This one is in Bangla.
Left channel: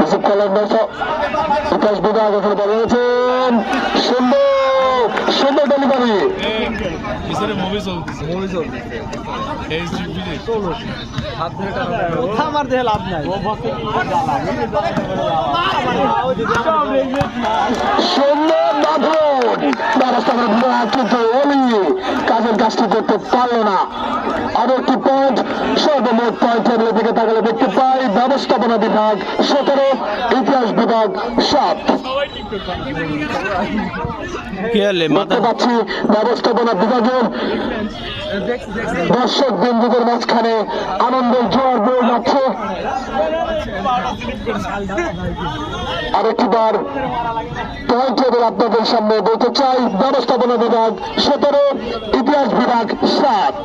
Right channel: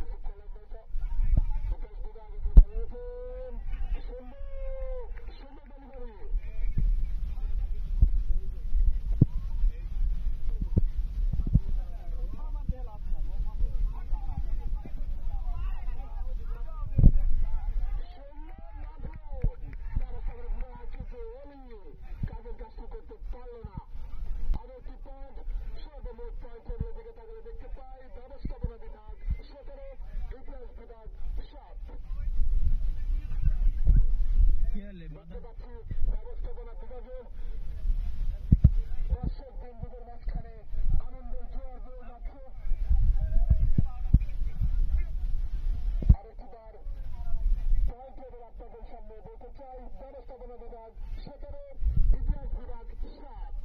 রিসিভ করলেন দর্শক, বিকাশ বিভাগ ওখানে দাঁড়িয়েছেন সুন্দর সুন্দর ডেলিভারি কাজের কাজটি করতে পারল না। আরও একটি পয়েন্ট সর্বমোট পয়েন্ট টেবিলের দিকে তাকালে দেখতে পাই। ব্যবস্থাপনা বিভাগ সতেরো ইতিহাস বিভাগ সাত। দেখতে পাচ্ছি ব্যবস্থাপনা বিভাগের দর্শক বিন্দুদের মাঝখানে আনন্দের জোয়ার বয়ে যাচ্ছে। আরেকটিবার পয়েন্ট টেবিল আপনাদের সামনে বলতে চাই ব্যবস্থাপনা বিভাগ সতেরো ইতিহাস বিভাগ সাত।